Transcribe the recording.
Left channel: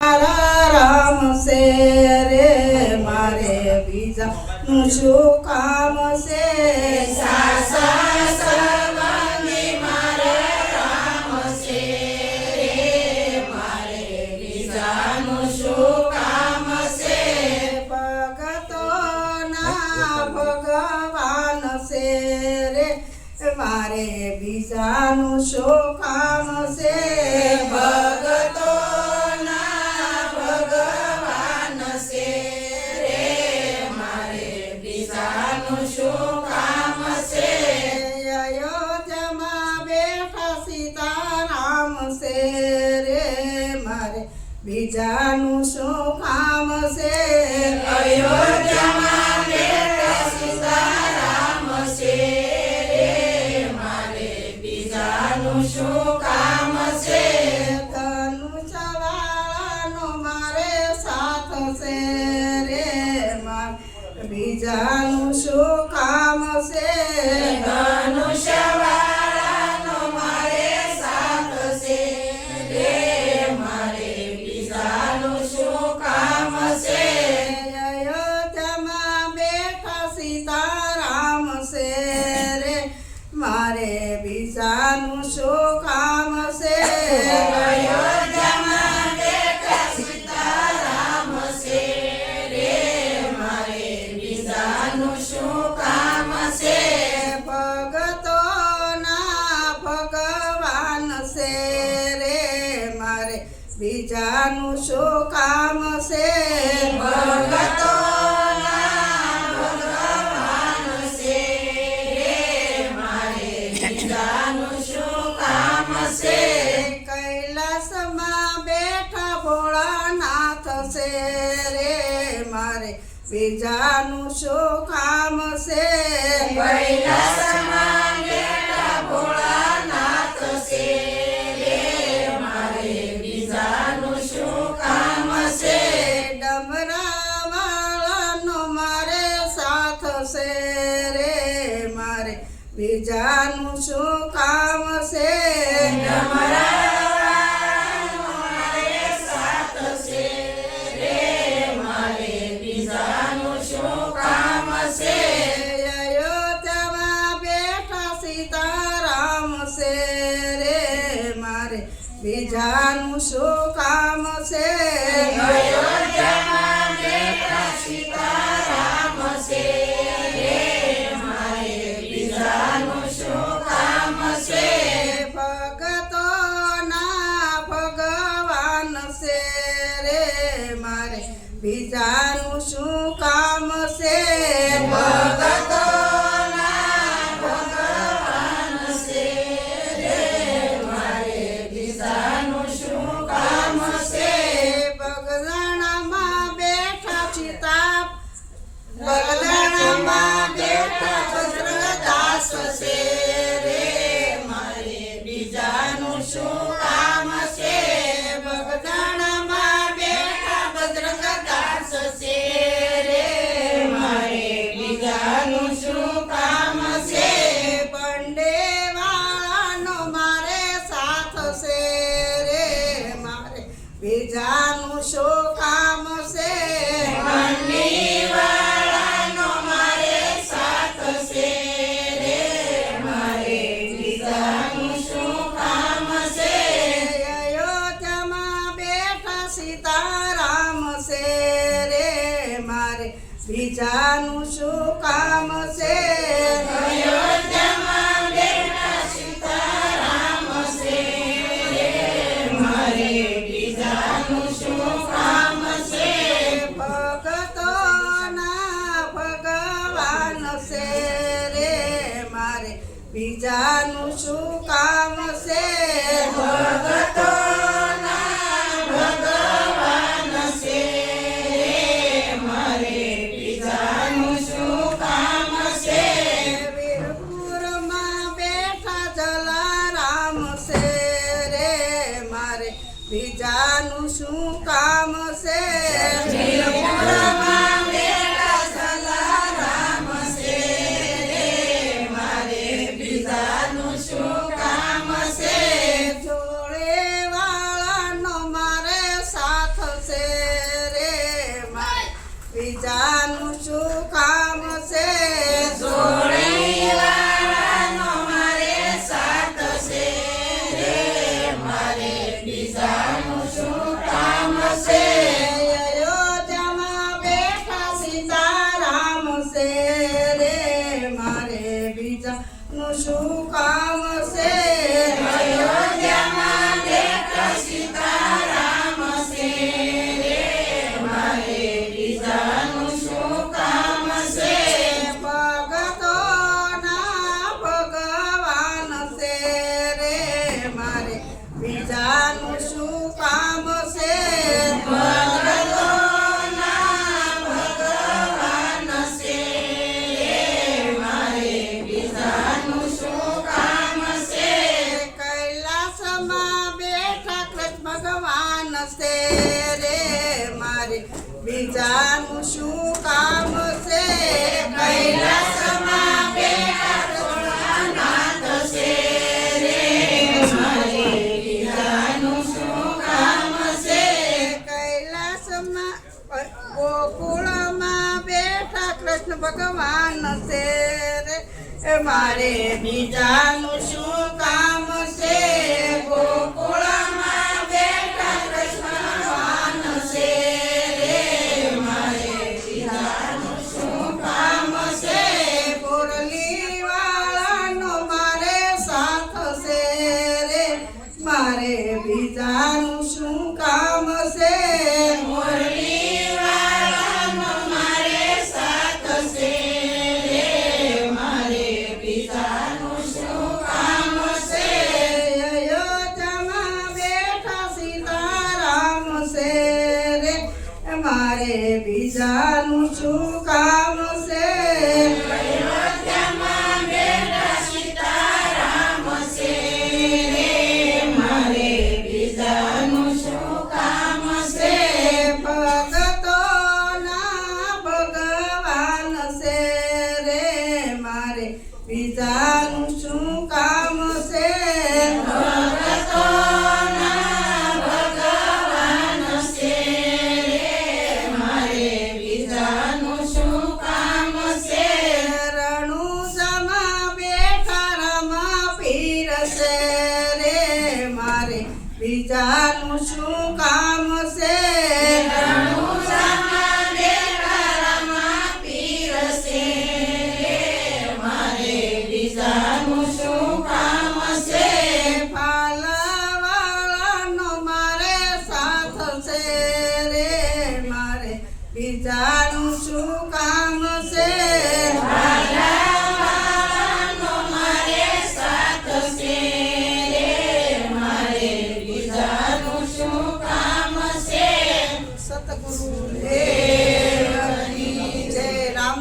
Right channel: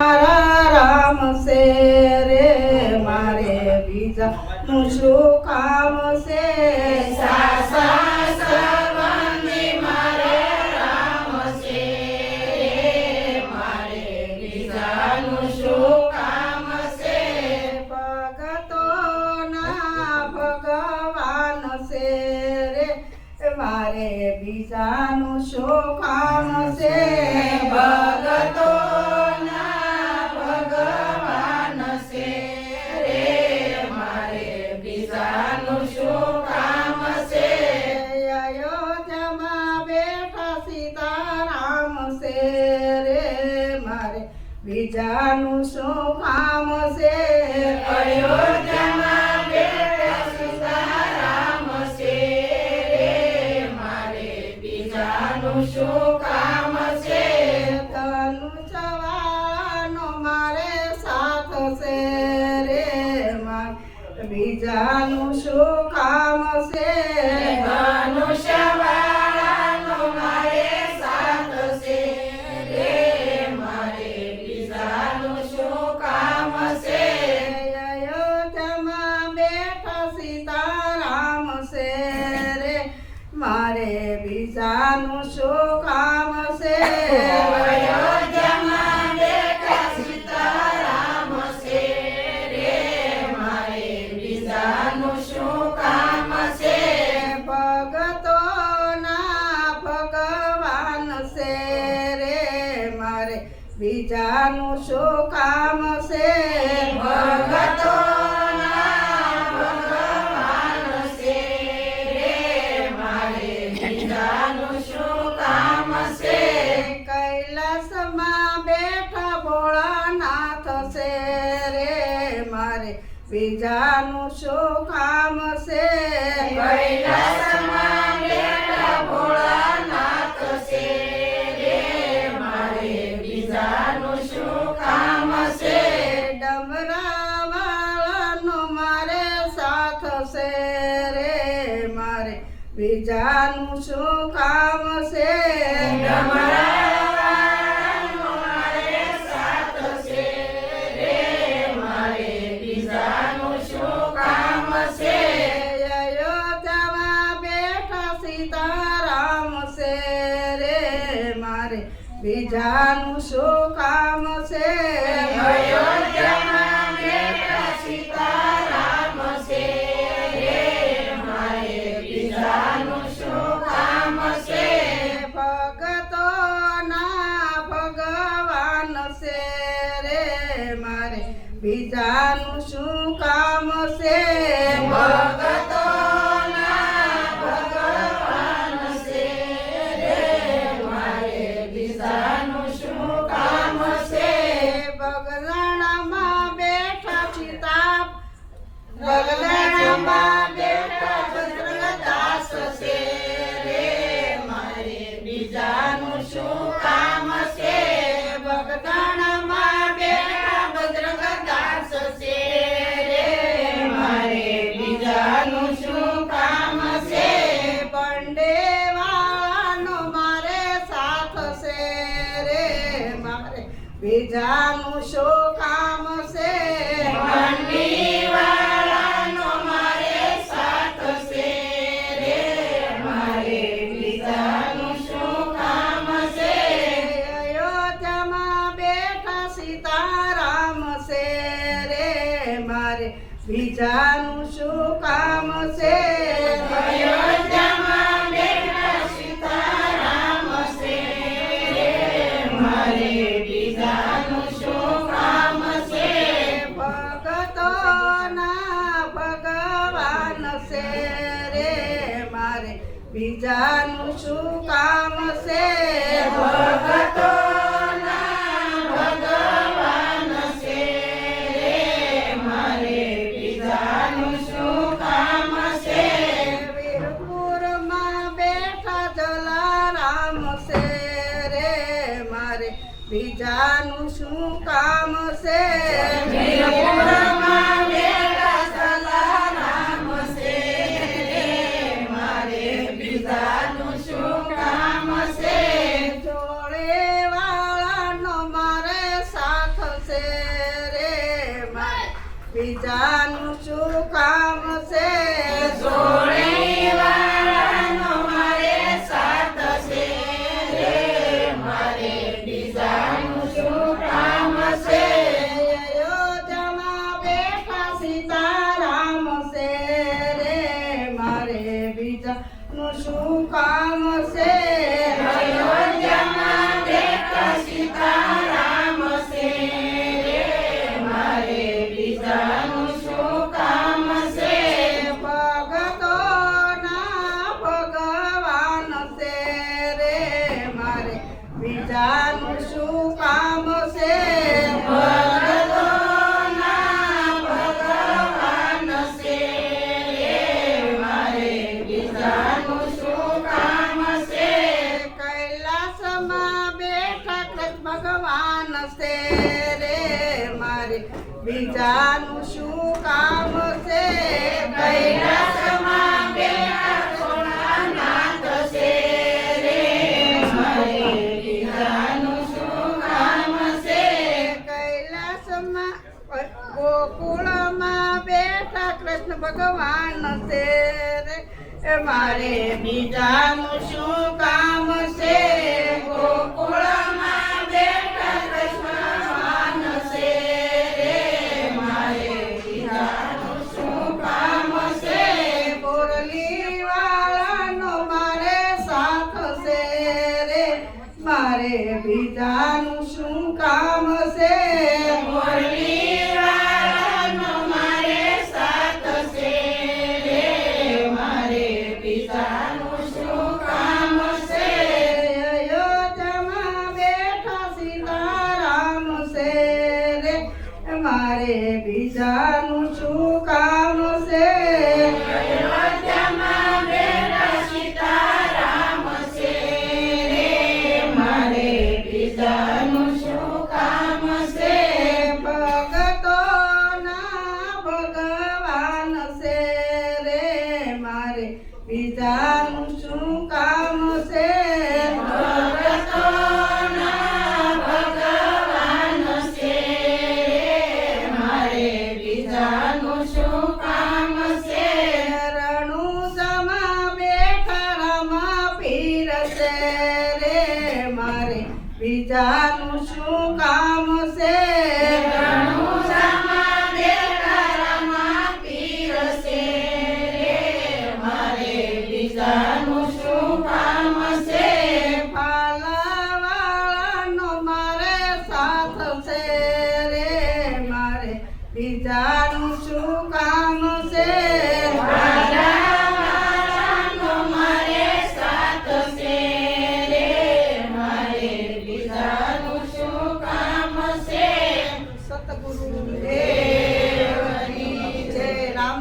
મારા રામ છે રે મારે બીજાનું શું કામ છે સંબંધી મારે રામ છે રે મારે બીજાનું શું કામ છે ભગતોના ભગવાન છે રે મારે બીજાનું શું કામ છે ભગતોના ભગવાન છે રે મારે બીજાનું શું કામ છે અયોધ્યામાં બેઠા સીતારામ છે રે મારે બીજાનું શું કામ છે અયોધ્યામાં બેઠા સીતારામ છે રે મારે બીજાનું શું કામ છે ધનુષવાળાનો મારે સાથ છે રે મારે બીજાનું શું કામ છે ધનુષ્યવાળાનો મારે સાથ છે રે મારે બીજાનું શું કામ છે અયોધ્યામાં બેઠા સીતારામ છે રે મારે બીજાનું શું કામ છે અયોધ્યામાં બેઠા સીતારામ છે રે મારે બીજાનું શું કામ છે ભગતોના ભગવાન છે રે મારે બીજાનું શું કામ છે ભગતોના ભગવાન છે રે મારે બીજાનું શું કામ છે કૈલાસમાં બેઠા ભોળાનાથ છે રે મારે બીજાનું શું કામ છે કૈલાસમાં બેઠા ભોળાનાથ છે રે મારે બીજાનું શું કામ છે ડમરાવાળાનો મારે સાથ છે રે મારે બીજાનું શું કામ છે ડમરાવાળાનો મારે સાથ છે રે મારે બીજાનું શું કામ છે અયોધ્યામાં બેઠા સીતારામ છે રે મારે બીજાનું શું કામ છે અયોધ્યામાં બેઠા સીતારામ છે રે મારે બીજાનું શું કામ છે ભગતોના ભગવાન છે રે મારે બીજાનું શું કામ છે ભગતોના ભગવાન છે રે મારે બીજાનું શું કામ છે બગદાણામાં બેઠા સીતા બગદાણામાં બેઠા ભદ્રદાસ છે રે મારે બીજાનું શું કામ છે બગદાણામાં બેઠા ભદ્રદાસ છે રે મારે બીજાનું શું કામ છે પંડેવાળાનો મારે સાથ છે રે મારે બીજાનું શું કામ છે મંડીવાળાનો મારે સાથ છે રે મારે બીજાનું શું કામ છે અયોધ્યામાં બેઠા સીતારામ છે રે મારે બીજાનું શું કામ છે અયોધ્યામાં બેઠા સીતારામ છે રે મારે બીજાનું શું કામ છે ભગતોના ભગવાન છે રે મારે બીજાનું શું કામ છે ભગતોના ભગવાન છે રે મારે બીજાનું શું કામ છે વીરપુરમાં બેઠા જલારામ છે રે મારે બીજાનું શું કામ છે વીરપુરમાં બેઠા જલારામ છે રે મારે બીજાનું શું કામ છે જોડે વાળાનો મારે સાથ મારે બીજાનું શું કામ છે કૈલાસમાં બેઠા ભોળાનાથ છે રે મારે બીજાનું શું કામ છે કૈલાસમાં ગોકુળમાં બેઠા કૃષ્ણ ભગવાન છે રે મારે બીજાનું શું કામ છે ગોકુળમાં બેઠા કૃષ્ણ ભગવાન છે રે મારે બીજાનું શું કામ છે મુરલી વાળાનો મારે સાથ છે રે મારે બીજાનું શું કામ છે મુરલીવાળાનો મારે સાથ છે રે મારે બીજાનું શું કામ છે અયોધ્યામાં બેઠા સીતારામ છે રે મારે બીજાનું શું કામ છે અયોધ્યામાં બેઠા સીતારામ છે રે મારે બીજાનું શું કામ છે ભગતોના ભગવાન છે રે મારે બીજાનું શું કામ છે ભગતોના ભગવાન છે રે મારે બીજાનું શું કામ છે રણુજામાં બેઠા રામા પીર છે રે મારે બીજાનું શું કામ છે રણુજામાં બેઠા રામા પીર છે રે મારે બીજાનું શું કામ છે પાલાવાળાનો મારે સાથ છે રે મારે બીજાનું શું કામ છે વાલાવાળાનો મારે સાથ છે રે મારે બીજાનું શું કામ છે સતગુરુ